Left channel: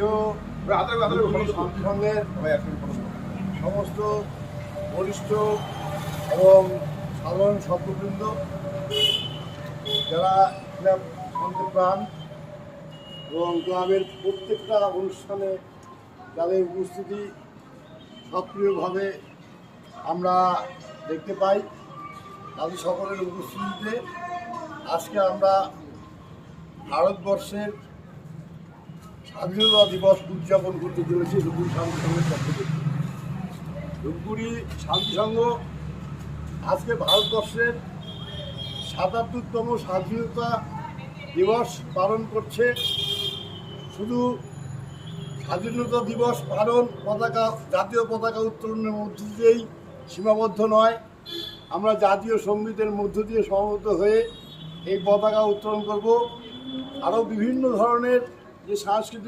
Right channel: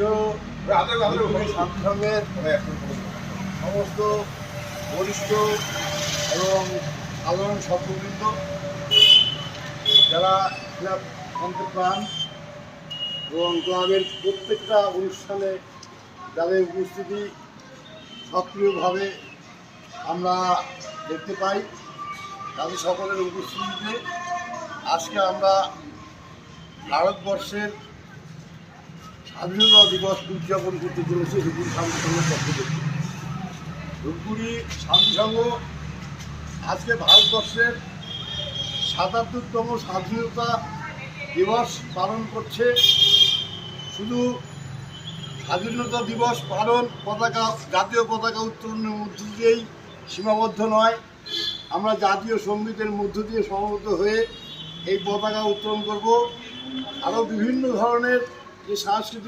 প্রিয় শান্তি সংঘের সমস্ত বরিষ্ঠ এবং সাধারণ সভ্যবৃন্দ, যারা ক্লাব প্রাণ এবং ক্লাবের প্রত্যেকটা অনুষ্ঠানে যাদের উপস্থিতি সক্রিয়ভাবে আমরা দেখতে পাই, তাদের সকলের উপস্থিতিতে আজকে আমরা ভারতবর্ষের স্বাধীনতা দিবস উদযাপন করতে চলেছি ধূপগুড়ি শান্তি সংঘের পক্ষ থেকে। ধূপগুড়ি শান্তি সংঘ আজকে ভারতবর্ষের ৭৭তম স্বাধীনতা দিবস পালন করছে। শুধু স্বাধীনতা দিবস পালন জাতীয় পতাকা উত্তোলনের মধ্য দিয়েই সীমাবদ্ধ নয়, আমরা জাতীয় সঙ্গীতের মধ্য দিয়ে সমবেত হয়ে এই পতাকা উত্তোলন করব। আরও বিভিন্ন ধরনের যে সাংস্কৃতিক